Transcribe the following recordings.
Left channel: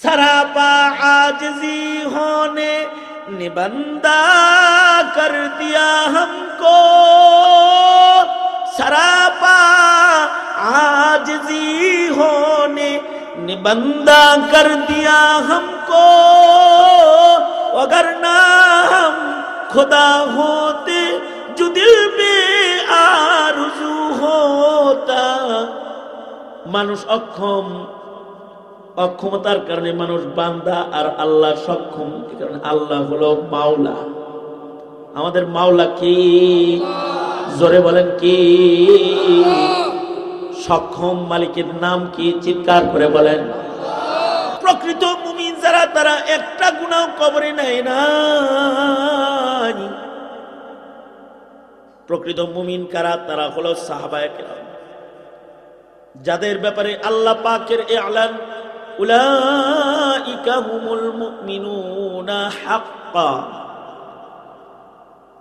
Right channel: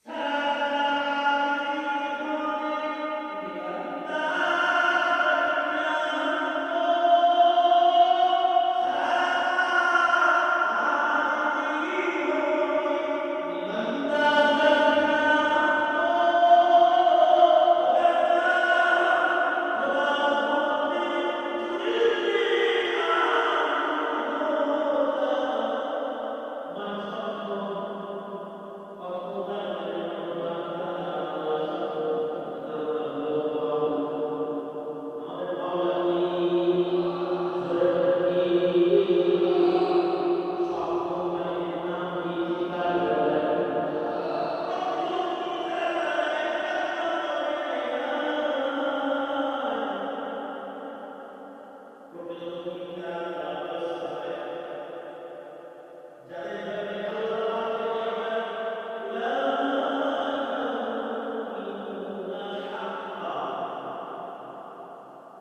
सरापा आजिज़ी होने ने बंदा कर दिया हमको, सरापा आजिज़ी होने ने बंदा कर दिया हमको, अगर ना हम खुदा होते जो दिल में आरज़ू होता। মানুষ অক্ষম, অক্ষমতার কারণে মানুষ বান্দা আর আল্লাহ সক্ষম, কারণ আল্লাহ হলো মাওলা। আমাদের মাওলা কি? জোরে বলেন কি? সক্ষম মালিকের নাম কি? চিৎকার করে বলেন। প্রকৃত মুমিন যারা, তারা একটা গুনাহ কবরে নেয় না। প্রকৃত মুমিন কারা? তারা হলো সাহাবায়ে কেরাম, যাদের ব্যাপারে আল্লাহ পাকের ইলান উলাইকা হুমুল মুমিনুনা হাক্কা।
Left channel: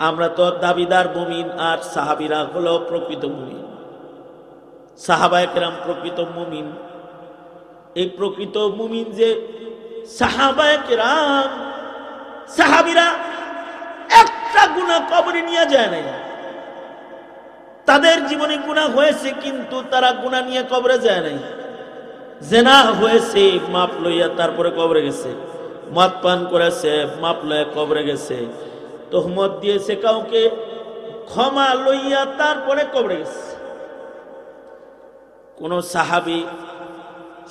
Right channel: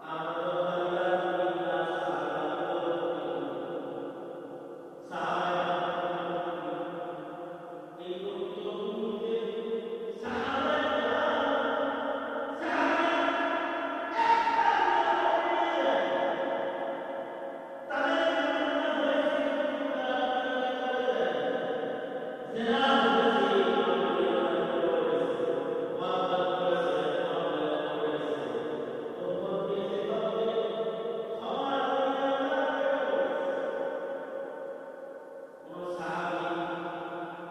আমরা তো দাবিদার মুমিন, আর সাহাবীরা হলো প্রকৃত মুমিন। সাহাবায়ে কেরাম প্রকৃত মুমিন। এই প্রকৃত মুমিন যে সাহাবায়ে কেরাম, সাহাবীরা একটা গুনাহ কবরে নিয়ে যায় না। তাদের জীবনে গুনাহ হয়েছে, কিন্তু তারা গুনাহ নিয়ে কবরে যায় নাই। জেনা হয়েছে, মাপ লইয়া তারপরে কবরে গেছে। মদ পান করেছে, মাপ লইয়া কবরে গেছে। তোহমত দিয়েছে কাউকে, ক্ষমা লইয়া তারপরে কবরে গেছে। কোন সাহাবী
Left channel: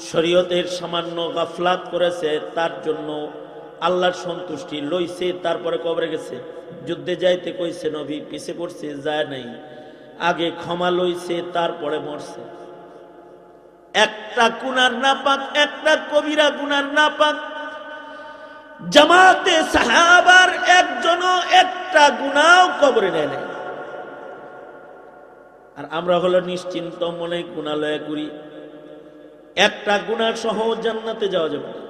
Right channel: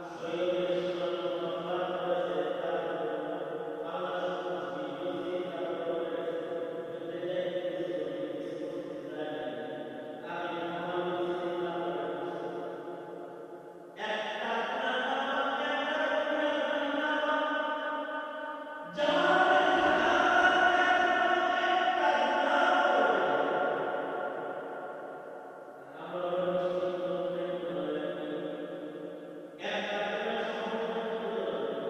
শরীয়তের সামান্য গাফলাত করেছে, তার জন্য আল্লাহর সন্তুষ্টি লইছে, তারপরে কবরে গেছে। যুদ্ধে যাইতে কইছে নবী, পিছে পড়ছে, যায় নাই। আগে ক্ষমা লইছে, তারপরে মরছে। একটা গুনার নাপাক, একটা কবিরা গুনার নাপাক জামাতে সাহাবার একজনও একটা গুনাহ কবরে নেয় নাই। আর আমরা হলো নিশ্চিন্ত মনে গুনালয় করি। একটা গুনাহ সহ জান্নাতে যাওয়া যাবে না।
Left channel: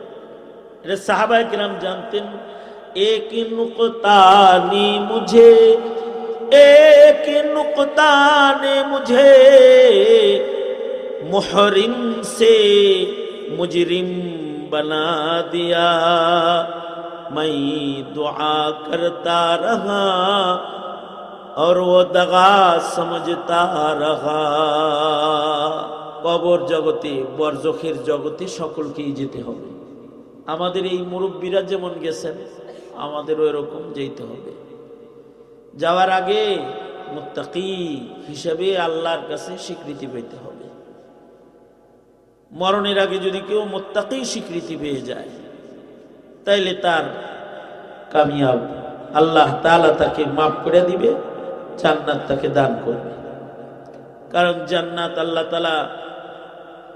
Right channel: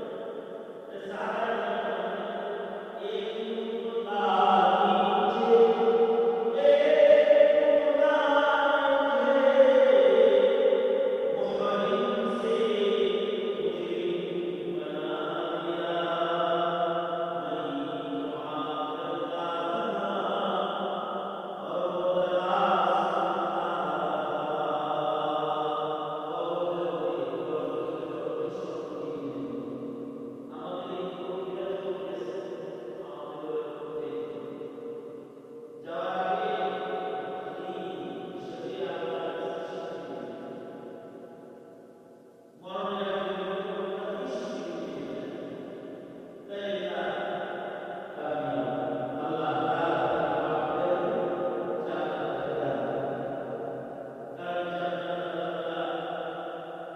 এটা সাহাবায়ে কিরাম জানতেন। এক নুকতা নি মুঝে, एक नुक्ता ने मुझे मुहरिम से मुजरिम बना दिया। मैं दुआ करता रहा और वो दगा समझता रहा। কবর জগতে, বরজখের জগতে সকলকেই যেতে হবে। আমাদের এই মুরব্বীরা যেমন গেছেন, আমাদেরও এরকম যেতে হবে। যাওয়ার আগে মুত্তাকি হিসেবে আল্লাহর কাছে স্বীকৃতি পেতে হবে। মরণের আগে যদি কেউ মুত্তাকি স্বীকৃতি পেয়ে যায়, তাইলে তার কামিয়াব। আল্লাহ তাআলা তাকে মাফ করে দিবে, জান্নাত তাকে দান করবে। কারণ জান্নাত আল্লাহ তাআলা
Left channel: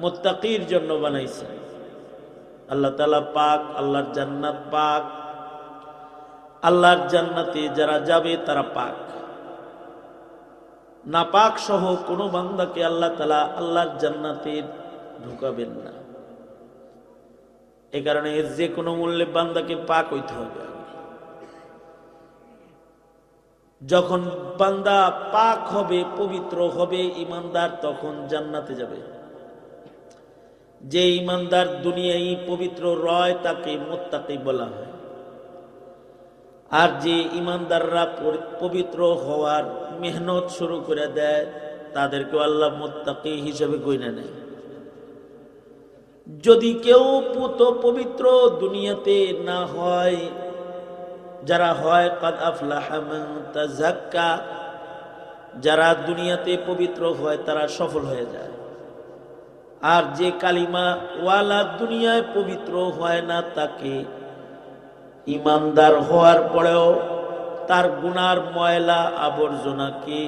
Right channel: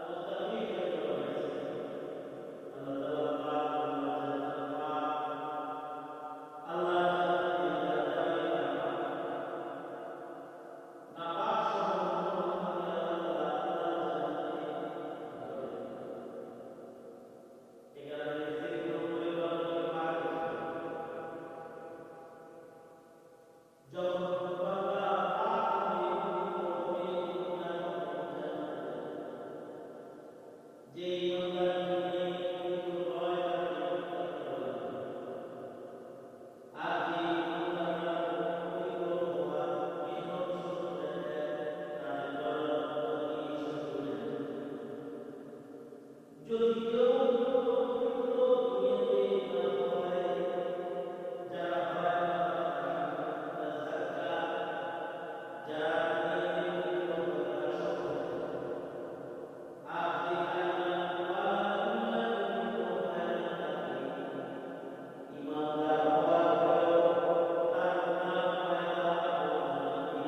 মুত্তাকির জন্য বানাইছে। আল্লাহ তাআলা পাক, আল্লাহর জান্নাত পাক। আল্লাহর জান্নাতে যারা যাবে তারা পাক। নাপাক সহ কোনো বান্দাকে আল্লাহ তাআলা আল্লাহর জান্নাতে ঢুকাবেন না। এই কারণে যে কোনো মূল্যে বান্দাকে পাক হইতে হবে। যখন বান্দা পাক হবে, পবিত্র হবে, ঈমানদার, তখন জান্নাতে যাবে। যে ঈমানদার দুনিয়ায় পবিত্র রয়, তাকে মুত্তাকি বলা হয়। আর যে ঈমানদাররা পবিত্র হওয়ার মেহনত শুরু করে দেয়, তাদেরকে আল্লাহ মুত্তাকি হিসেবে গণ্য নেয়। যদি কেউ পবিত্র দুনিয়াতে না হয়, যারা হয় কাদ আফলাহা মান তাযাক্কা, যারা দুনিয়াতে পবিত্র হয় তারা সফল হয়ে যায়। আর যে কালিমা ওয়ালা দুনিয়ায় পবিত্র হয় না, তাকে ঈমানদার হওয়ার পরেও তার গুনার ময়লা আবর্জনাকে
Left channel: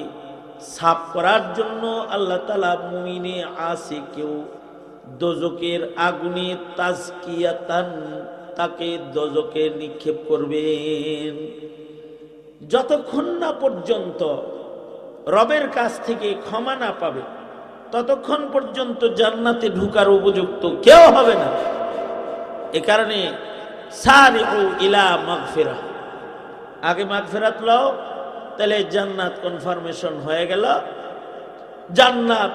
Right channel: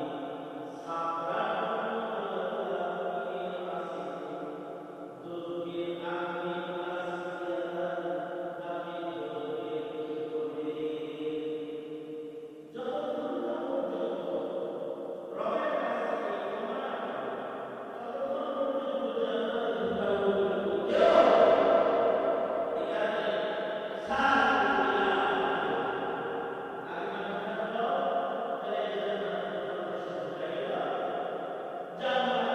সাফ করার জন্য আল্লাহ তাআলা মুমিনে আসিকেও দোজকের আগুনে তাজকিয়াতান, তাকে দোজকে নিক্ষেপ করবেন। যতক্ষণ না পর্যন্ত রবের কাছ থেকে ক্ষমা না পাবে, ততক্ষণ পর্যন্ত জান্নাতে ঢোকার উপযুক্ত কেউ হবে না। এ কারণে সারিউ ইলা মাগফিরাহ, আগে মাগফিরাত লও, তাহলে জান্নাত কনফার্মেশন হয়ে গেল। জান্নাত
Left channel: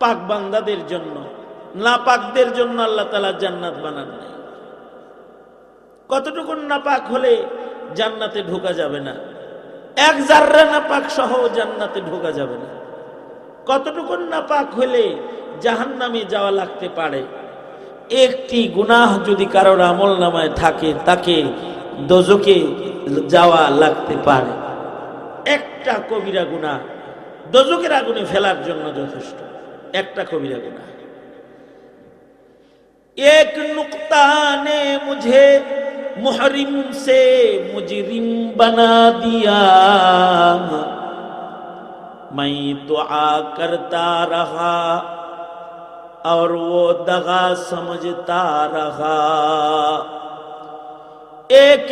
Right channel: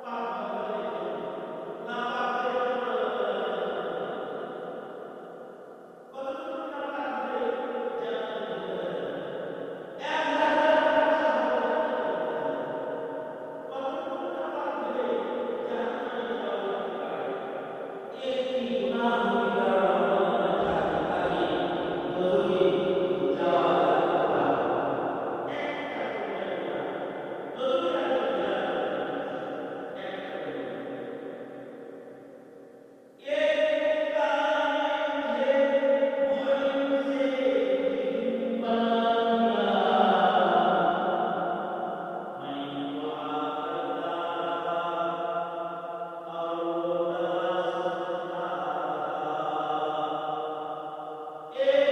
পাক বান্দাদের জন্য, নাপাকদের জন্য আল্লাহ তাআলা জান্নাত বানান নাই। কতটুকু নাপাক হলে জান্নাতে ঢোকা যাবে না? এক জাররা নাপাক সহ জান্নাতে ঢোকা যাবে না। কতটুকু নাপাক হলে জাহান্নামে যাওয়া লাগতে পারে? একটি গুনাহ যদি কারোর আমল নামায় থাকে তাকে দোজখে যাওয়া লাগতে পারে। একটা কবিরা গুনাহ দোজখের আগুনে ফেলার জন্য যথেষ্ট। একটা কবিরা গুনাহ। एक नुक्ता ने मुझे मुहरिम से मुजरिम बना दिया, मैं दुआ करता रहा और वो दगा समझता रहा। एक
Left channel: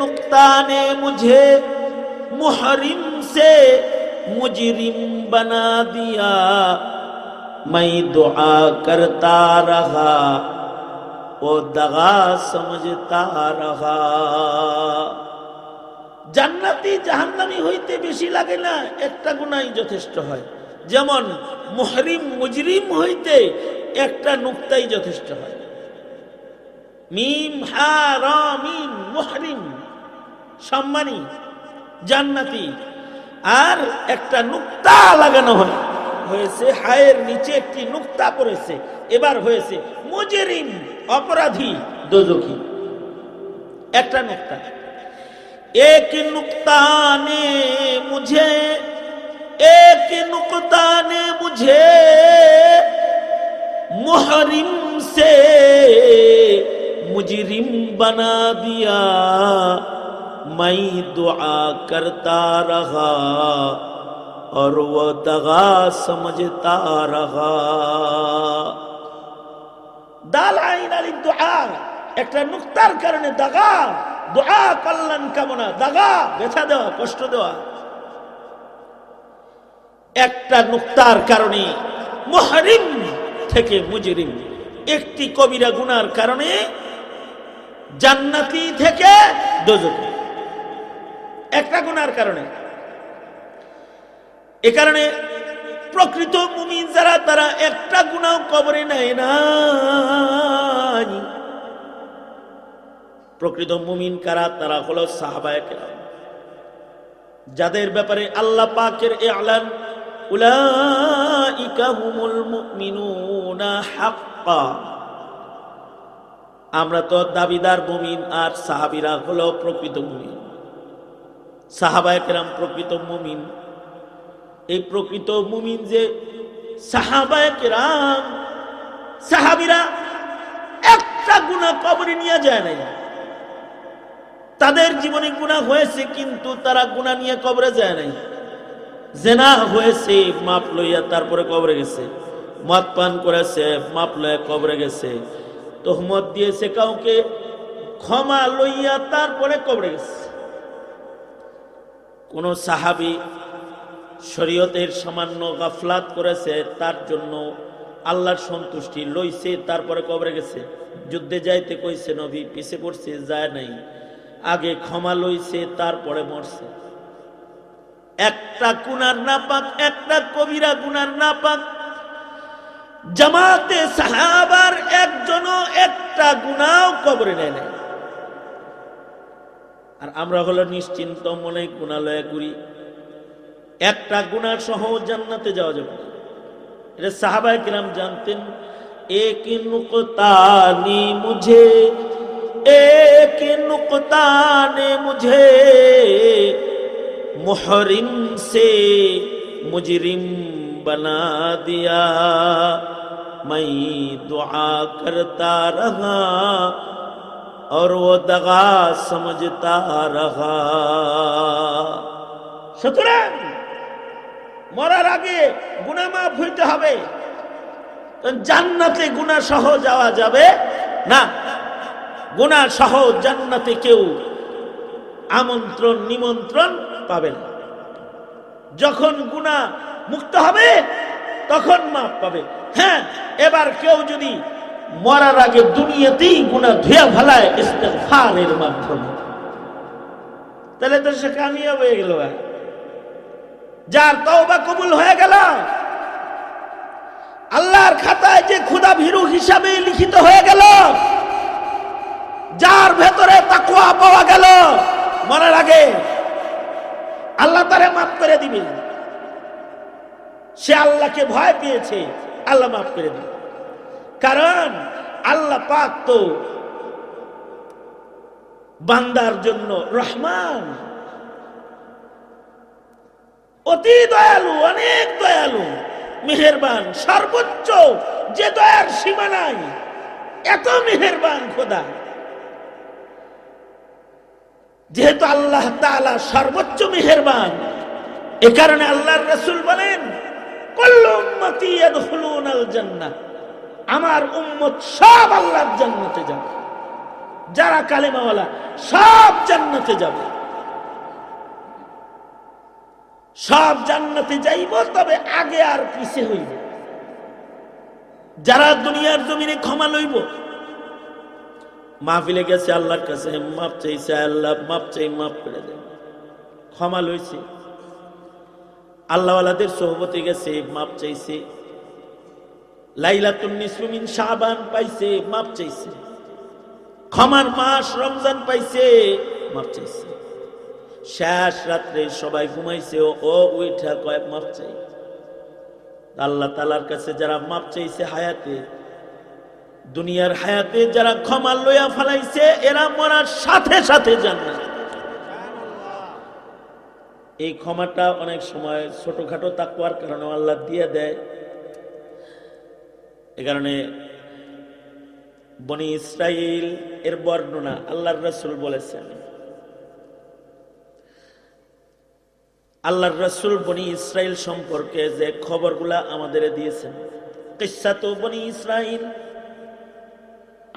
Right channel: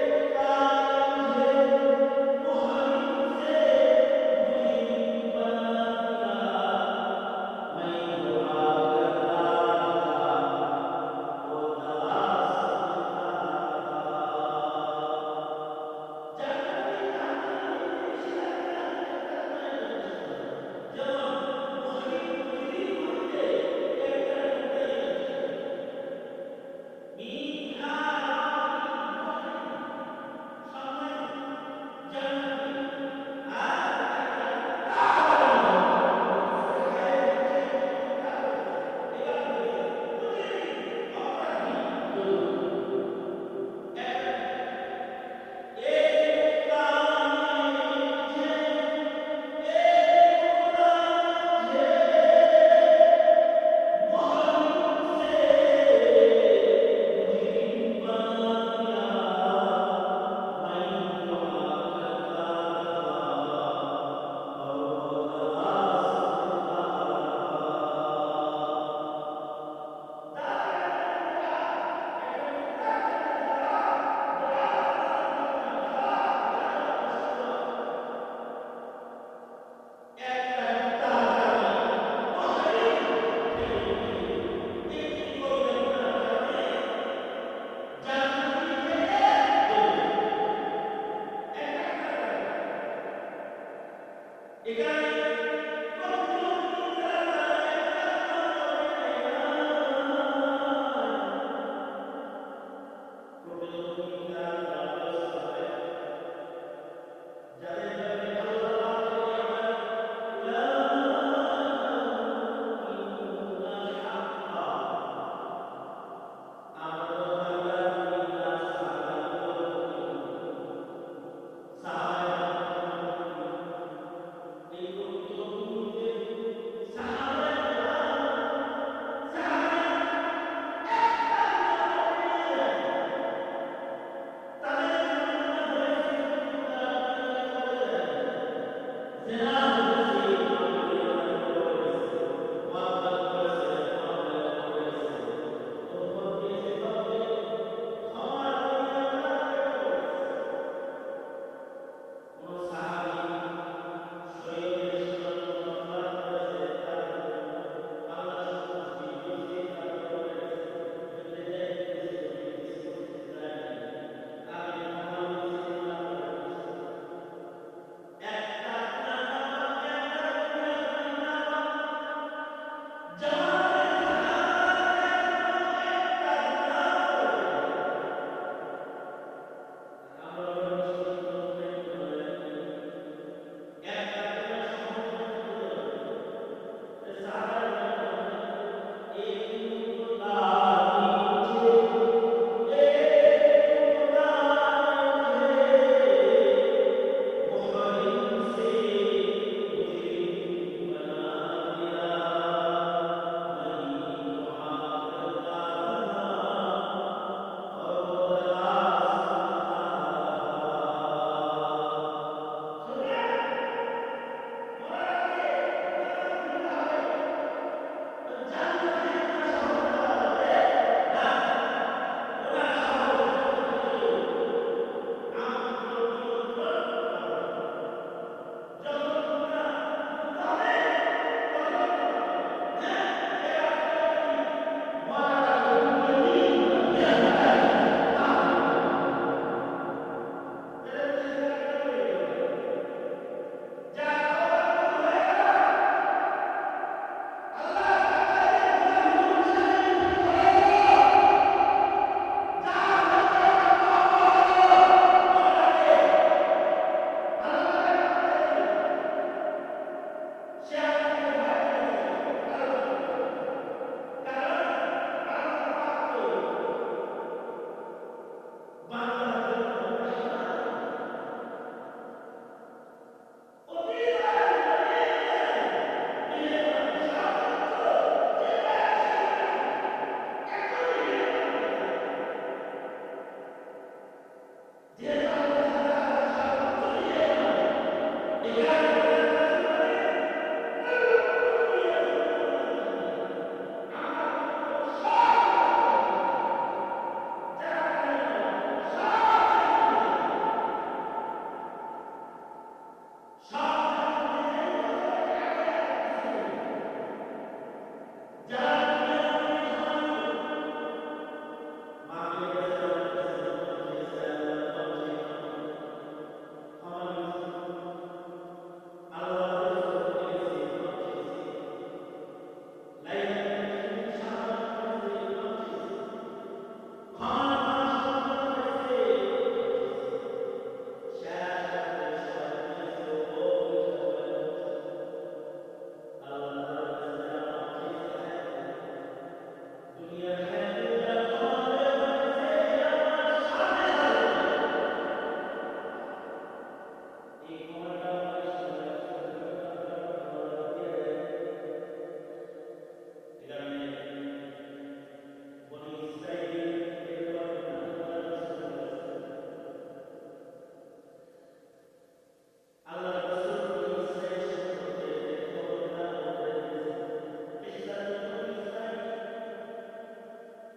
नुक्ता ने मुझे मुहरिम से मुजरिम बना दिया, मैं दुआ करता रहा वो दगा समझता रहा। জান্নাতি জাহান্নামী হইতে বেশি লাগে না, একটা গুনাহই যথেষ্ট হয়। যেমন মুহরিম মুজরিম হইতে একটা নুক্তাই যথেষ্ট হয়। মিম হা রা মিম মুহরিম সম্মানী জান্নাতি, আর একটা নুক্তা লাগানো হয়েছে, হায়ের নিচে একটি নুক্তা পড়েছে, এবার হয়েছে মুজরিম অপরাধী দোজখী। একটা নুক্তা। एक नुक्ता ने मुझे मुहरिम से मुजरिम बना दिया, मैं दुआ करता रहा और वो दगा समझता रहा। दाल आइन आलिफ दुआ, একটা নুক্তার কারণে দাগা, দোয়া কল্যাণ কামনা, দাগা ব্যথা দেওয়া, কষ্ট দেওয়া। একটা নুক্তার কারণে মুহরিম থেকে মুজরিম, একটি কবিরা গুনার কারণে জান্নাতি থেকে দোজখী, একটা গুনার কারণে। এ কারণে প্রকৃত মুমিন যারা, তারা একটা গুনাহ কবরে নেয় না। প্রকৃত মুমিন কারা? তারা হলো সাহাবায়ে কেরাম, যাদের ব্যাপারে আল্লাহ পাকের ইলান উলাইকা হুমুল মুমিনুনা হাক্কা। আমরা তো দাবিদার মুমিন, আর সাহাবীরা হলো প্রকৃত মুমিন। সাহাবায়ে কেরাম প্রকৃত মুমিন। এই প্রকৃত মুমিন যে সাহাবায়ে কেরাম, সাহাবীরা একটা গুনাহ কবরে নিয়ে যায় নাই। তাদের জীবনে গুনাহ হয়েছে, কিন্তু তারা গুনাহ নিয়ে কবরে যায় নাই। জেনা হয়েছে, মাপ লইয়া তারপরে কবরে গেছে। মদ পান করেছে, মাপ লইয়া কবরে গেছে। তোহমত দিয়েছে কাউকে, ক্ষমা লইয়া তারপরে কবরে গেছে। কোন সাহাবী শরীয়তের সামান্য গাফলাত করেছে, তার জন্য আল্লাহর সন্তুষ্টি লইছে, তারপরে কবরে গেছে। যুদ্ধে যাইতে কইছে নবী, পিছে পড়ছে, যায় নাই। আগে ক্ষমা লইছে, তারপরে মরছে। একটা গুনার নাপাক, একটা কবিরা গুনার নাপাক জামাতে সাহাবার একজনও একটা গুনাহ কবরে নেয় নাই। আর আমরা হলো নিশ্চিন্ত মনে গুনালয়ে করি, একটা গুনাহ সহ জান্নাতে যাওয়া যাবে না। এটা সাহাবায়ে কিরাম জানতেন। एक नुक्ता ने मुझे मुहरिम से मुजरिम बना दिया, मैं दुआ करता रहा और वो दगा समझता रहा। সুতরাং মরার আগে গুনাহ মাফ হইতে হবে, জান্নাতে গুনাহ সহ যাওয়া যাবে না। গুনাহ সহ জান্নাতে কেউ আমন্ত্রণ নিমন্ত্রণ পাবে না। যখন গুনাহ মুক্ত হবে তখন মাফ পাবে। হ্যাঁ, এবার কেউ যদি মরার আগে দুনিয়াতেই গুনাহ ধুয়ে ফেলায় ইস্তেগফারের মাধ্যমে, তাহলে তো সে কামিয়াব হয়ে গেল। যার তওবা কবুল হয়ে গেল, আল্লাহর খাতায় যে ক্ষুধা ভীরু হিসাবে লিখিত হয়ে গেল, যার ভেতরে তাকওয়া পাওয়া গেল, মরার আগে আল্লাহ তারে মাফ করে দিবে। সে আল্লাহকে ভয় পেয়েছে, আল্লাহ মাফ করে দিবে। কারণ আল্লাহ পাক তো বান্দার জন্য রহমান, অতি দয়ালু, অনেক দয়ালু, মেহেরবান, সর্বোচ্চ যে দয়ার সীমা নাই, এত মেহেরবান খোদা। যেহেতু আল্লাহ তাআলা সর্বোচ্চ মেহেরবান, এ কারণে আল্লাহর রাসূল বলেন, কুল্লু উম্মতি ইয়াদখুলুনাল জান্নাহ, আমার উম্মত সব আল্লাহর জান্নাতে যাবে। যারা কালেমাওয়ালা সব জান্নাতে যাবে, সব জান্নাতে যাইব, তবে আগে আর পিছে হইব। যারা দুনিয়ার জমিনে ক্ষমা লইব, মাহফিলে গেছে, আল্লাহর কাছে মাপ চাইছে, আল্লাহ মাপ চাই, মাফ করে দেন, ক্ষমা লইছে। আল্লাহওয়ালাদের সোহবতে গেছে, মাপ চাইছে। লাইলাতুন নিসফু মিন শাবান পাইছে, মাপ চাইছে। ক্ষমার মাস রমজান পাইছে, মাপ চাইছে। শেষ রাত্রে সবাই ঘুমাইছে, ও উইঠা কয় মাপ চাই। আল্লাহ তাআলার কাছে যারা মাপ চাইছে হায়াতে, দুনিয়ার হায়াতে যারা ক্ষমা লইয়া ফেলাইছে, এরা মরার সাথে সাথে জান্নাত। এই ক্ষমাটা অনেক সময় ছোটখাটো তাকওয়ার কারণে আল্লাহ দিয়ে দেয়। এ কারণে বনি ইসরাইল এর বর্ণনা আল্লাহর রাসূল বলেছেন, আল্লাহর রাসূল বনি ইসরাইল সম্পর্কে যে খবরগুলা আমাদের দিয়েছেন, কিসসাতু বনি ইসরাইল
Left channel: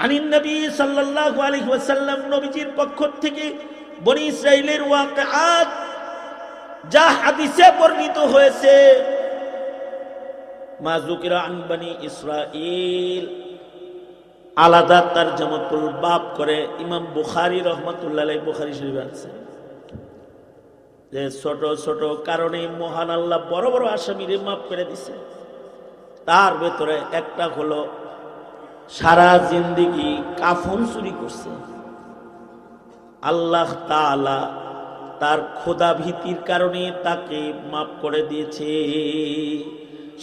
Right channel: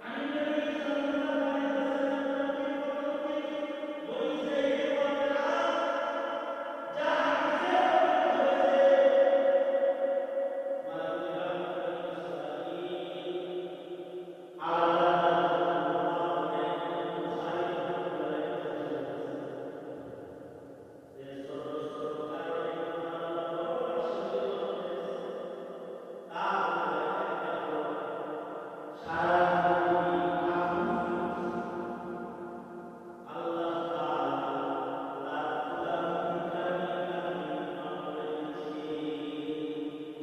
আনিন নবী সাল্লাল্লাহু আলাইহি ওয়াসাল্লাম, নবীজির পক্ষ থেকে বনি ইসরাইলের ওয়াকিআত যা হাদিসে বর্ণিত হয়েছে, মা যুকিরা আন বনি ইসরাইল, আলাদা তারজামাতুল বাব করে ইমাম বুখারী রাহমাতুল্লাহ আলাইহি বুখারী শরীফে আনছেন। যে ছোট ছোট কারণে মহান আল্লাহ বড় বড় আসামিরে মাফ করে দিছে। তার ভেতরে একটা হলো সারা জিন্দেগি কাফন চুরি করছে, আল্লাহ তাআলা তার খোদা ভীতির কারণে তাকে মাফ করে দিয়েছে।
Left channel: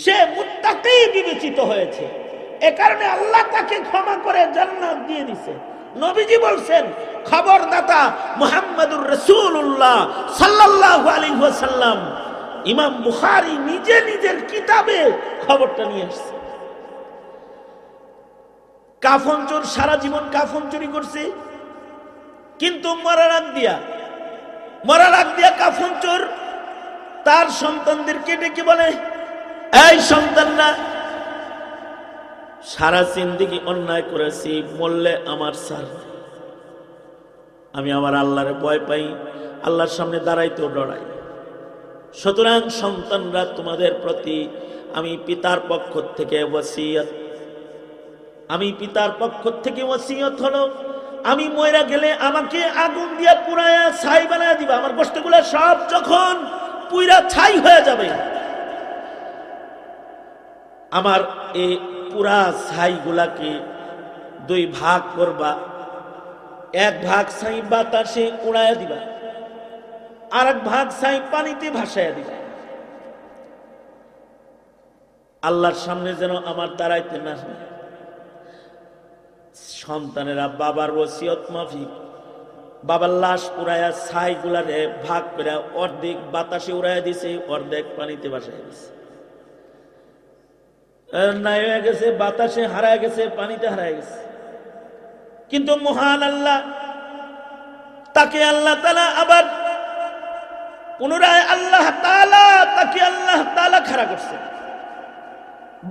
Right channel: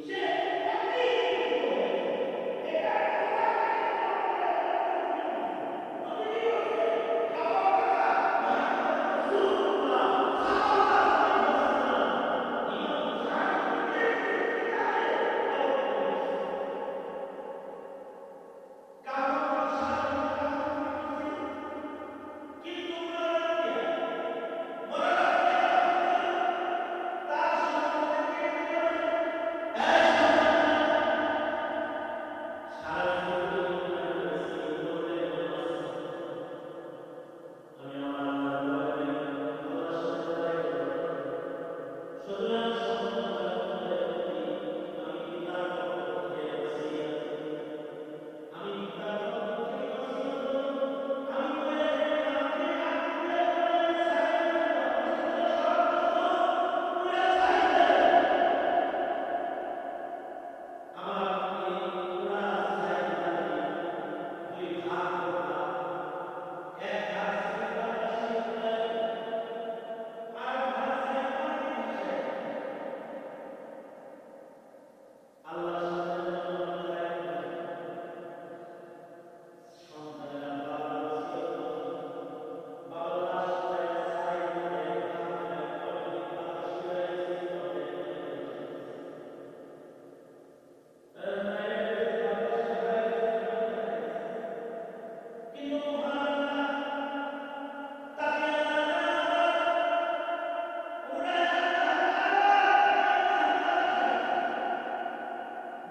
সে মুত্তাকি বিবেচিত হয়েছে, এ কারণে আল্লাহ তাকে ক্ষমা করে জান্নাত দিয়ে দিয়েছে। নবীজি বলছেন, খবরদাতা মুহাম্মদুর রাসূলুল্লাহ সাল্লাল্লাহু আলাইহি ওয়াসাল্লাম, ইমাম বুখারী নিজে নিজের কিতাবে খবরটা নিয়ে আসছে। কাফন চোর সারা জীবন কাফন চুরি করছে, কিন্তু মরার আগ দিয়া কাফন চোর তার সন্তানদেরকে ডেকে বলে, এই সন্তানরা, সারা জিন্দেগি অন্যায় করেছি, মরলে আমার স্যার, আমি আমার আল্লাহরে ভয় পাই, আল্লাহর সামনে দাঁড়াইতেও ডরাই। সুতরাং সন্তানরা, তোমাদের প্রতি আমি পিতার পক্ষ থেকে ওসিয়ত হলো, আমি মইরা গেলে আমাকে আগুন দিয়া পুরায়া ছাই বানায় দিবা। আমার গোশতগুলো সব যখন পুইরা ছাই হয়ে যাবে, আমার এই পুরা ছাই গুলাকে দুই ভাগ করবা, এক ভাগ ছাই বাতাসে উড়াইয়া দিবা, আর এক ভাগ ছাই পানিতে ভাসাইয়া দিবা। আল্লাহর সামনে যেন আমার দাঁড়াইতে না হয়। সন্তানেরা বাবার ওসিয়ত মাফিক বাবার লাশ পুরাইয়া ছাই গুলারে ভাগ করে অর্ধেক বাতাসে উড়াইয়া দিছে, অর্ধেক পানিতে ভাসাইয়া দিছে। নাই হয়ে গেছে, বাতাসে হারায় গেছে, পানিতে হারায় গেছে। কিন্তু মহান আল্লাহ তাকে আল্লাহ তাআলা আবার পুনরায় আল্লাহ তাআলা খাড়া করছে।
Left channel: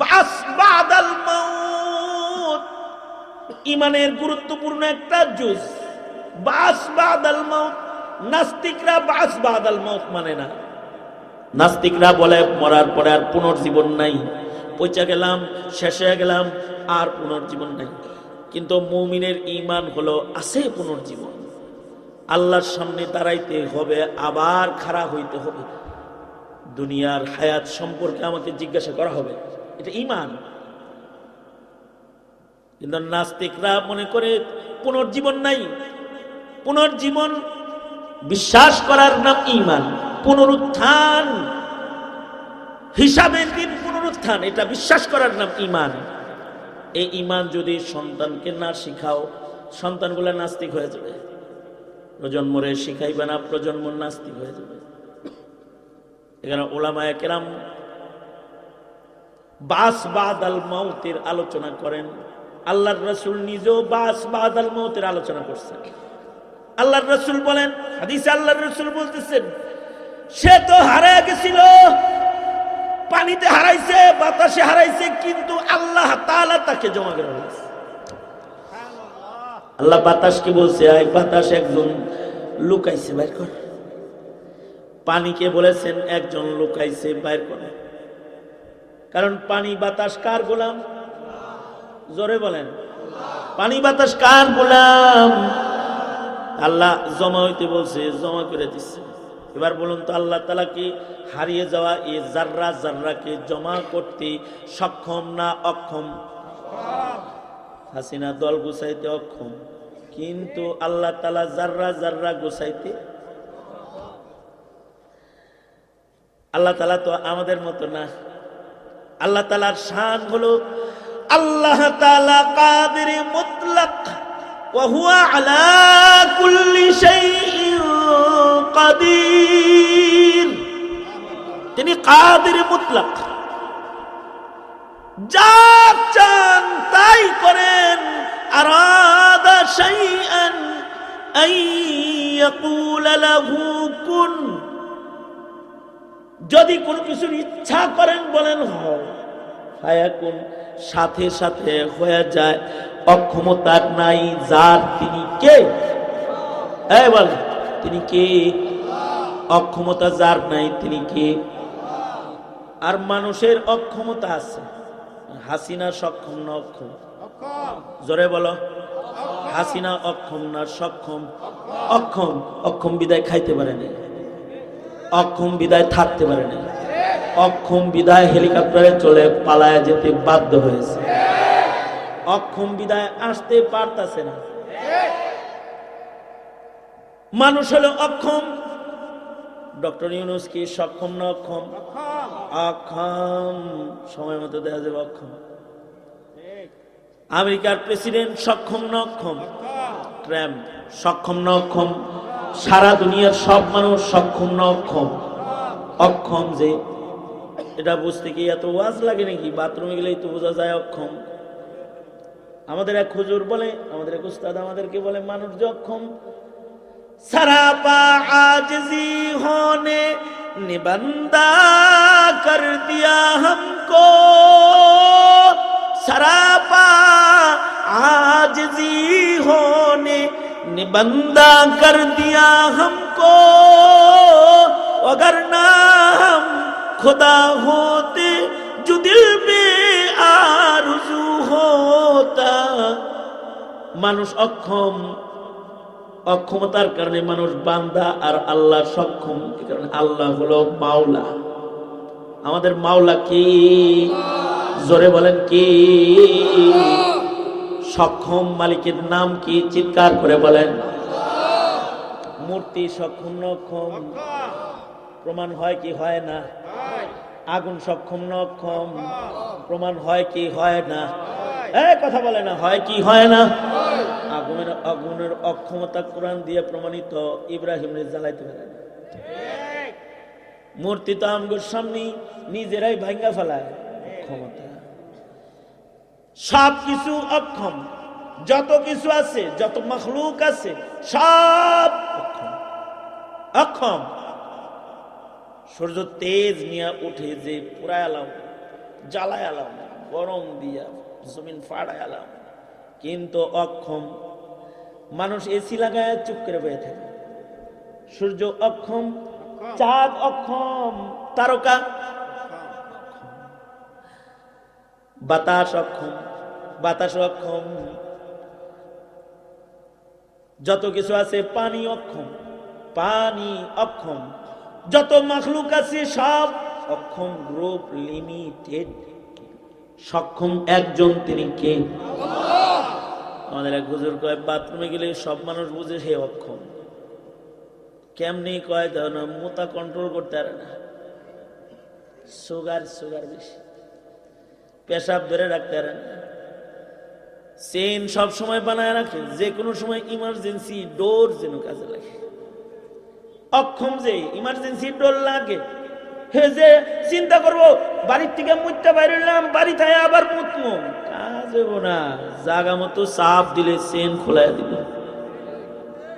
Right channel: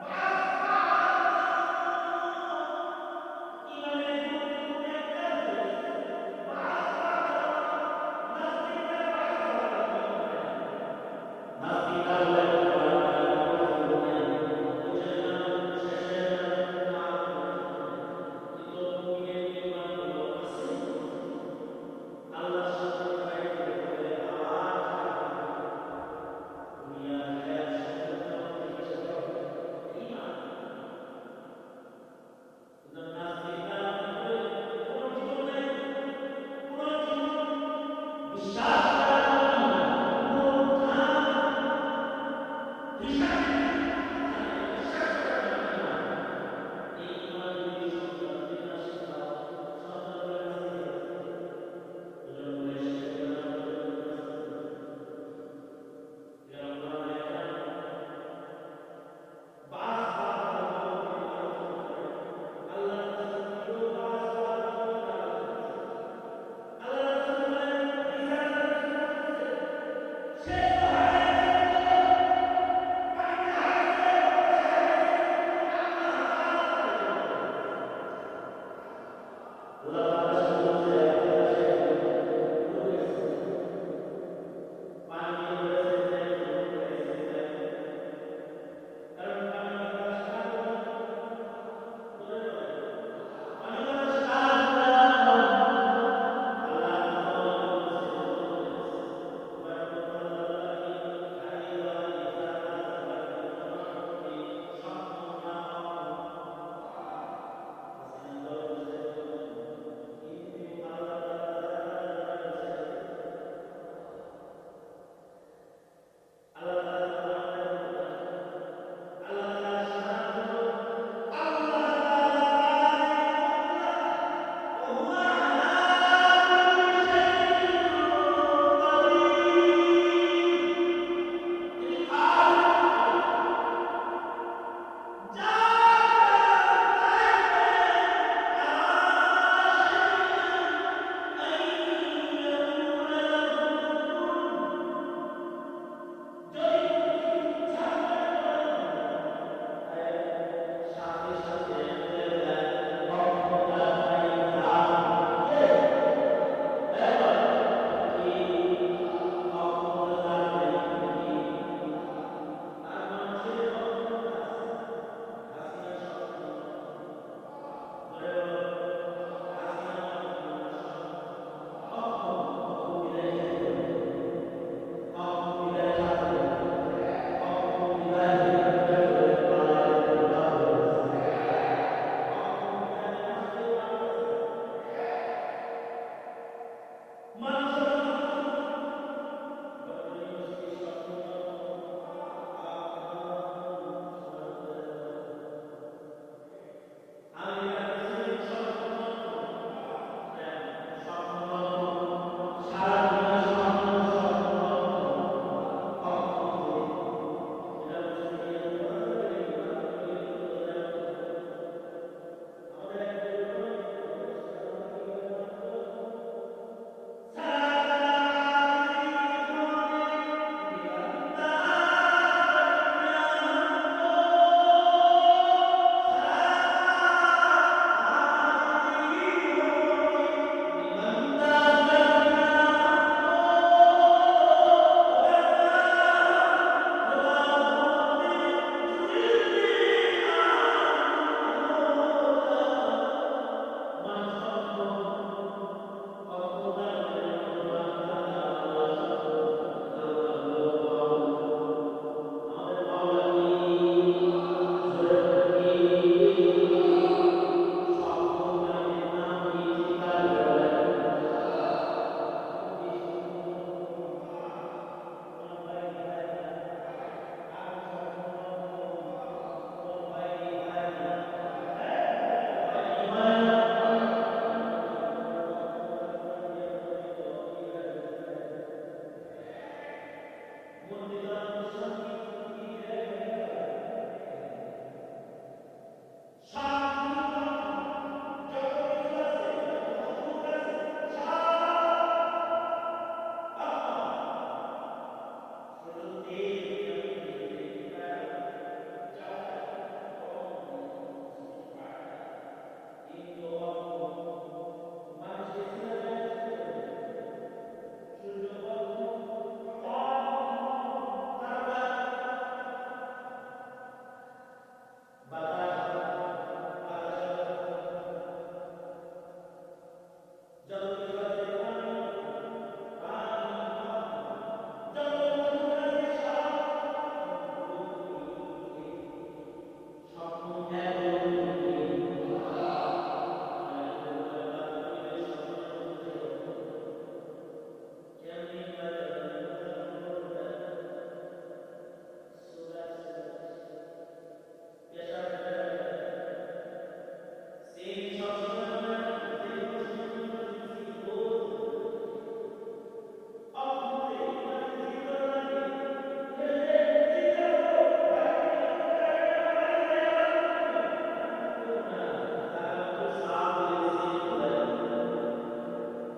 বাস বাদাল মাউত ইমানের গুরুত্বপূর্ণ একটা জুজ। বাস বাদাল মাউত, নাস্তিকরা বাস বাদাল মাউত মানে না। নাস্তিকরা বলে মরার পরে আর পুনর্জীবন নাই, পৌঁছে গেলাম, শেষ হয়ে গেলাম, আর পুনর্জীবন নেই। কিন্তু মুমিনের ঈমান হলো আছে পুনর্জীবন। আল্লাহর সামনে দাঁড়াইতে হবে, আবার খাড়া হইতে হবে, দুনিয়ার হায়াত সম্পর্কে আমাকে জিজ্ঞাসা করা হবে। এটা ঈমান। কিন্তু নাস্তিকরা মনে করে পুনর্জীবন নাই। পুনর্জীবন বিশ্বাস করার নাম ঈমান। পুনরুত্থান হিসাবে দিন পুনরুত্থান, এটা বিশ্বাস করার নাম ঈমান। এই ঈমান যদি সন্তানকে না শিখাও, সন্তানগুলা নাস্তিক হয়ে যাবে। প্রজন্মরে শিখাইবে না, প্রজন্ম নাস্তিক হয়ে যাবে। এখানে উলামায়ে কেরাম বাস বাদাল মাউতের আলোচনা করেন। আল্লাহর রাসূল নিজেও বাস বাদাল মাউতের আলোচনা করছেন। আল্লাহর রাসূল বলেন, হাদিসে আল্লাহর রাসূল বলতেছেন, সে তো হারিয়ে গেছিল, পানিতে হারাইছে, বাতাসে হারাইছে, কিন্তু আল্লাহ তাআলা তাকে জমা করে রেখেছে। আল্লাহ বাতাস কি বলছে? আয় বাতাস, একজন লুকাইছে, বাইর কর। পানিকে বলেছেন একজন লুকাইছে, বাইর কর। কারণ পানি বাতাস কার গোলাম? জোরে বলেন, পানি বাতাস কার গোলাম? আল্লাহ জমা হইতে বলছে, জমা করে দিচ্ছে। এবার বলুন তো, আল্লাহ তাআলা কি হারিয়ে যাওয়া এই জাররা জাররাকে জমা করতে সক্ষম না অক্ষম? হাসিনা দল গুছাইতে অক্ষম, কিন্তু আল্লাহ তাআলা জাররা জাররা গুছাইতে। আল্লাহ তাআলা তো আমাদের মতো না। আল্লাহ তাআলার শান হলো আল্লাহ তাআলা কাদির মুতলাক, ওয়া হুয়া আলা কুল্লি শাইইন কাদির। তিনি কাদির মুতলাক, যা চান তাই করেন। আরাদা শাইআন আন ইয়াকুল লাহু কুন, যদি কোনো কিছুর ইচ্ছা করেন বলেন হয়, ফায়াকুন, সাথে সাথে হয়ে যায়। অক্ষমতা নাই যার, তিনি কে? এই বল, তিনি কে? অক্ষমতা যার নাই, তিনি কে? আর মানুষের অক্ষমতা আছে। হাসিনা সক্ষম না অক্ষম? জোরে বলো, হাসিনা অক্ষম না সক্ষম? অক্ষম। অক্ষম বিদায় খাইতে পারে না, অক্ষম বিদায় থাকতে পারে না, অক্ষম বিদায় হেলিকপ্টারে চলে পালায় যেতে বাধ্য হয়েছে, অক্ষম বিদায় আসতে পারতেছে না। মানুষ হলো অক্ষম। ডক্টর ইউনূস কি সক্ষম না অক্ষম? অক্ষম। সময় মতো দেখা যাবে অক্ষম। আমেরিকার প্রেসিডেন্ট সক্ষম না অক্ষম? ট্রাম্প সক্ষম না অক্ষম? সারা দুনিয়ার সব মানুষ সক্ষম না অক্ষম? অক্ষম। যে এটা বুঝতে কি এত ওয়াজ লাগে নাকি? বাথরুমে গেলেই তো বোঝা যায় অক্ষম। আমাদের এক হুজুর বলে, আমাদের এক উস্তাদ আমাদেরকে বলে, মানুষ যে অক্ষম, सरापा आजिज़ी होने ने बंदा कर दिया हमको, सरापा आजिज़ी होने ने बंदा कर दिया हमको, अगर ना हम खुदा होते जो दिल में आरज़ू होता। মানুষ অক্ষম, অক্ষমতার কারণে মানুষ বান্দা, আর আল্লাহ সক্ষম। কারণ আল্লাহ হলো মাওলা। আমাদের মাওলা কি? জোরে বলেন কি? সক্ষম মালিকের নাম কি? চিৎকার করে বলেন। মূর্তি সক্ষম না অক্ষম? প্রমাণ হয় কি হয় না? আগুন সক্ষম না অক্ষম? প্রমাণ হয় কি হয় না? কথা বলে না, হয় কি হয় না? আগুনের অক্ষমতা কোরআন দিয়ে প্রমাণিত। ইব্রাহিম জ্বালাইতে পারে, মূর্তি তো আমগুর সামনে নিজেরাই ভাঙ্গা ফেলায়। অক্ষমতা, সব কিছু অক্ষম। যত কিছু আছে, যত মখলুক আছে, সব অক্ষম। সূর্য তেজ নিয়ে উঠে যে পুরায় আলাম, জ্বালায় আলাম, গরম দিয়া জমিন ফাড়ায় আলাম, কিন্তু অক্ষম। মানুষ এসি লাগায় চুপ করে বয়ে থাকে। সূর্য অক্ষম, চাঁদ অক্ষম, তারকা। বাতাস অক্ষম, বাতাস অক্ষম। যত কিছু আছে, পানি অক্ষম, পানি অক্ষম। যত মাখলুক আছে সব অক্ষম। Group limited. সক্ষম একজন, তিনি কে? আমাদের এক হুজুর কয় বাথরুমে গেলে সব মানুষ বুঝে সে অক্ষম। কেমনি কয় তখন মোতা কন্ট্রোল করতে পারে না, সুগার বেশি, পেশাব ধরে রাখতে পারে না, চেন সব সময় বানায় রাখে, যে কোনো সময় ইমার্জেন্সি ডোর যেন কাজে লাগে। অক্ষম যে ইমার্জেন্সি ডোর লাগে, হে যে চিন্তা করবো বাড়ির থেকে মুইটা বাইরে এলাম, বাড়ি থাকে আবার মুতমো, কাজ হবো না। জাগা মতো চাপ দিলে চেন খোলাই দিল।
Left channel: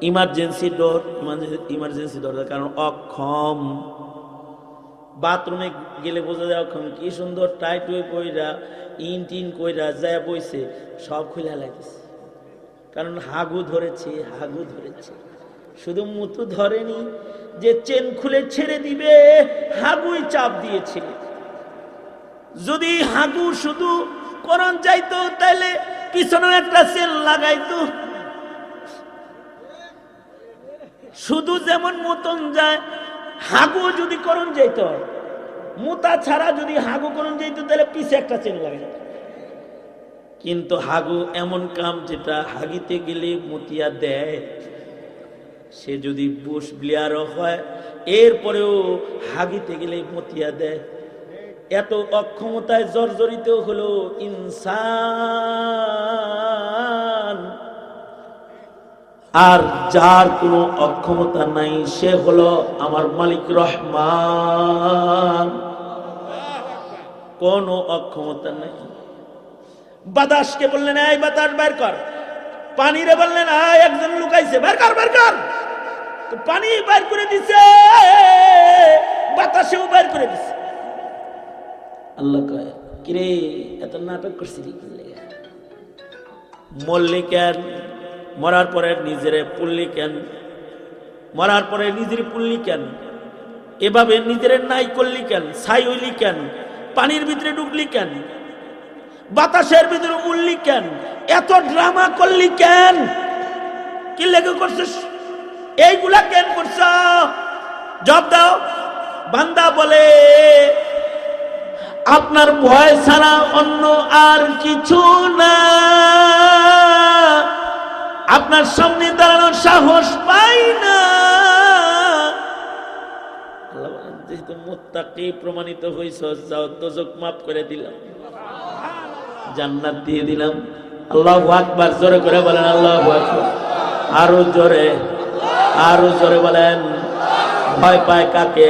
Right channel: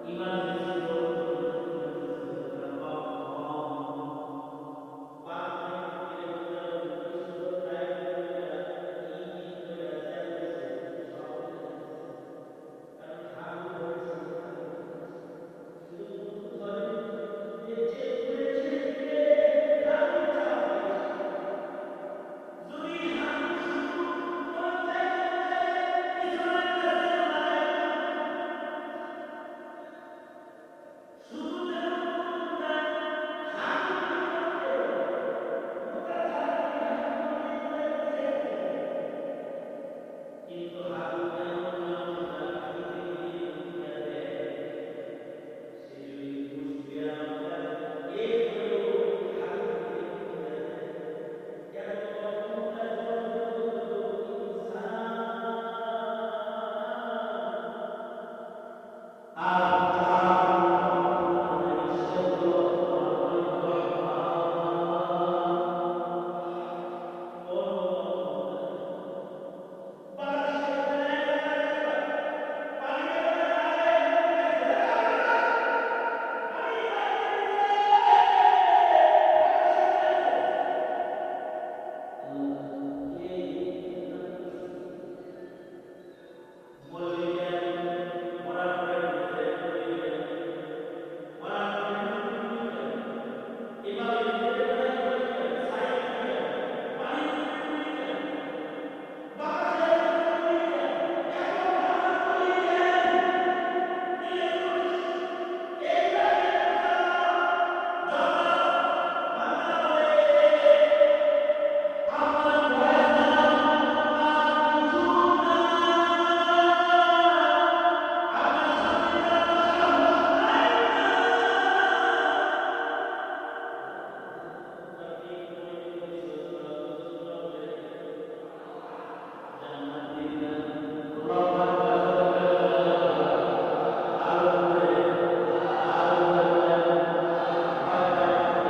ইমার্জেন্সি ডোর কারণ অক্ষম। বাথরুমে গেলে বোঝা যায় অক্ষম। কি সুন্দর টাইট হয়ে কইরা ইন কইরা যায় বইছে, সব খুলে লাগছে, কারণ হাগু ধরেছে। শুধু মুতু ধরেনি, যে চেন খুলে ছেড়ে দিবে হাগুই চাপ দিয়েছে। যদি হাগু শুধু করণ যাইতো তাহলে পিছনে একটা চেন লাগাইতো। শুধু যেমন মতন যায়, হাগু যদি করণ যাইত, মুতা ছাড়া যদি হাগু করণ যাইত তাহলে পিছে একটা চেন লাগাইত। কিন্তু হাগু এমন কাম যেটা হাগিতে গেলে মতিয়া দেয়। সে যদি বুশ ব্লিয়ারও হয় এরপরেও হাগিতে গেলে মতিয়া দেয়। এত অক্ষমতায় জর্জরিত হলো ইনসান। আর যার কোনো অক্ষমতা নাই সে হলো আমার মালিক রহমান। কোনো অক্ষমতা নাই। বাতাসকে বললেন এই বাতাস বের কর, পানিরে বললেন একজন লুকাইছে বের কর, পানি বের করে দিছে, বাতাসেও বের করে দিছে। আল্লাহ কয় কিরে এত নাটক করছিলি কি লাগে? মরলি কেন? মরার পরে নিজেরে পুল্লি কেন? মরার পরে নিজের পুল্লি কেন? এভাবে নিজের নাই করলি কেন? ছাই হইলি কেন? পানির ভিতরে ঢুকলি কেন? বাতাসের ভিতরে উড়লি কেন? এত ড্রামা করলি কেন? কি লেগে করছিস? এইগুলা কেন করছ? জবাব দাও। বান্দা বলে আপনার ভয় ছাড়া অন্য আর কিছু না, আপনার সামনে দাঁড়ানোর সাহস পাই না। যেহেতু মুত্তাকি প্রমাণিত হইছ, যাও দোজখ মাফ করে দিলাম, জান্নাত দিয়ে দিলাম। আল্লাহু আকবার, জোরে করে বলেন আল্লাহু আকবার। আরো জোরে বলেন। ভয় পায় কাকে?